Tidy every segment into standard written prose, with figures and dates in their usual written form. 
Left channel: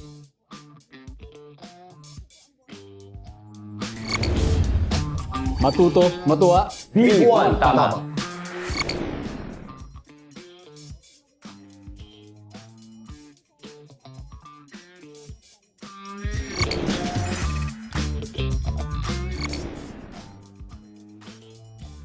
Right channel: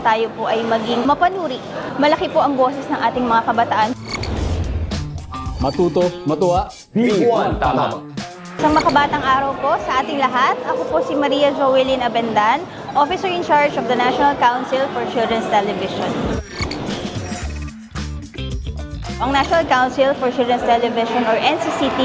tayo po ay maging mapanuri. Malaki po ang boses ng ating mga kabataan. Matuto, matuwa. B1, tama. Isang makabatang araw po sa ating lahat. Ako po si Maria Joelyn Abendan, Officer in charge of the National Council for Children's Television. Ang National Council for Children's Television or NCCT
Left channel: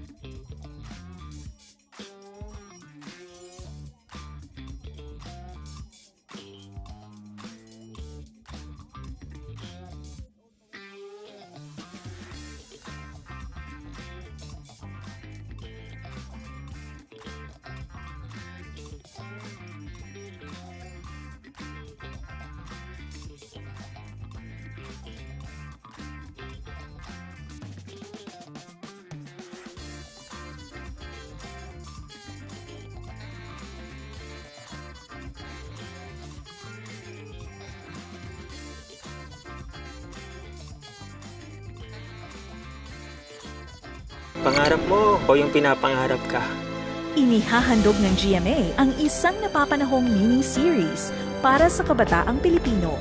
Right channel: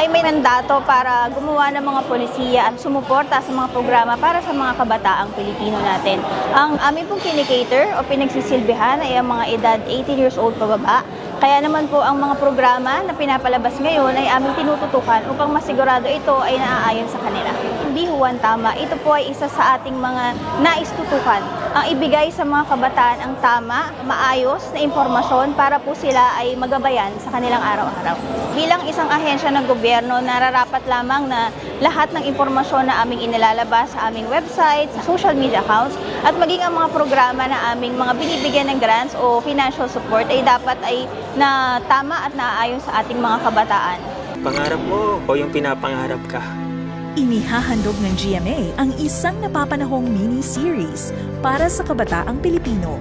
ay may mandato para gumawa ng mga polisiya at sumuporta sa mga programa para sa mga kabataang Pilipino natin. Ang aming pong kinikater o pinagsisilbihan ay ang mga edad 18 years old pababa. Kaya naman po ang mga programa na pinapalabas ngayon ay aming tinututukan upang masigurado ito ay naaayon sa kanila. Hindi huwan tama, ito po ay isa sa ating mga naistutukan ang ibigay sa mga kabataan ang tama, maayos na impormasyon para po sila ay magabayan sa kanilang araw-araw. Bilang isang ahensya ng gobyerno, nararapat lamang na lahat ng impormasyon na aming inilalabas sa aming website, sa social media accounts, at maging ang mga programa na aming mga binibigyan ng grants o financial support ay dapat ay na tama at naaayon sa ating mga kabataan. Pangarap mo o yung pinapangarap ka? Inihahandog ng GMA ang isang napapanahong mini-series para sa kabataang Pilipino.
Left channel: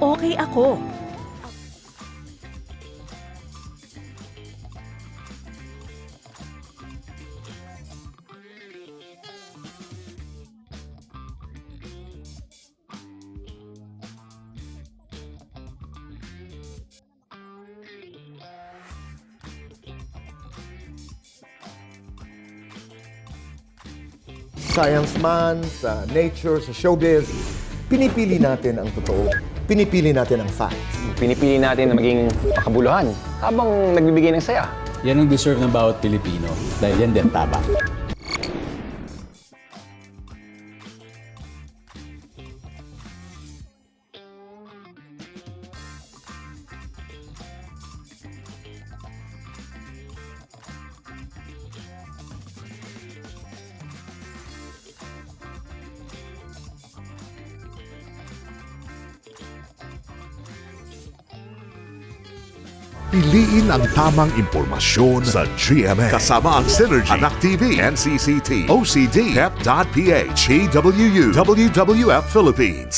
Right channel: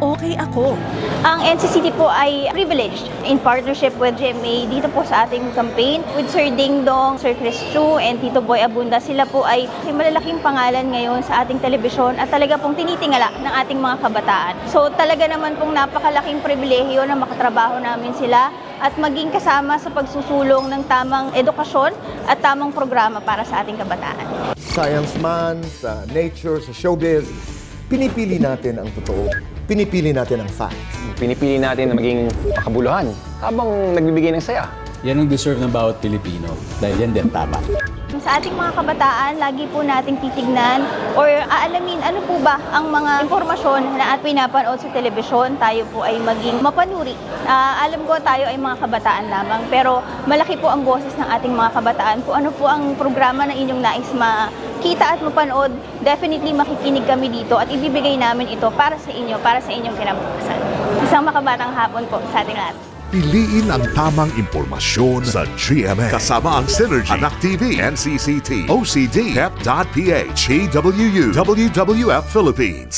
Okay ako. Ang NCCT po ay privileged in partnership with GMA dito po sa ating campaign with Sir Ding Dong, Sir Chris Chu, and Tito Boy Abunda. Sila po ay malalaking pangalan ngayon sa ating telebisyon at talaga pong tinitingala ng ating mga kabataan. So talaga naman pong napakalaking pribilehiyo na makatrabaho namin sila at maging kasama sa pagsusulong ng tamang edukasyon at tamang programa para sa ating kabataan. Science man, sa nature, sa showbiz, pinipili natin ang totoo. Pinipili natin ang facts. Pinipili natin na maging makabuluhan habang nagbibigay ng saya. Yan ang deserve ng bawat Pilipino dahil yan din tama. Sa ating mga kabataan, lagi po nating titignan or aalamin ano po ba ang mga impormasyon na at pinapanood sa telebisyon. Tayo po ay maging mapanuri. Alam ko tayo ay mga kabataan lamang pero malaki po ang boses ng ating mga kabataan. Kung ano po ang programa na inyong nais makita at mapanood, definitely makikinig kami dito at ibibigay namin ito para sa inyo, para sa inyong kinabukasan. Isang makabatang hapon po sa ating lahat. Piliin ang tamang impormasyon sa GMA. Kasama ang Synergy, Anak TV, NCCT, OCD, HEP.PH, AWU, WWF Philippines.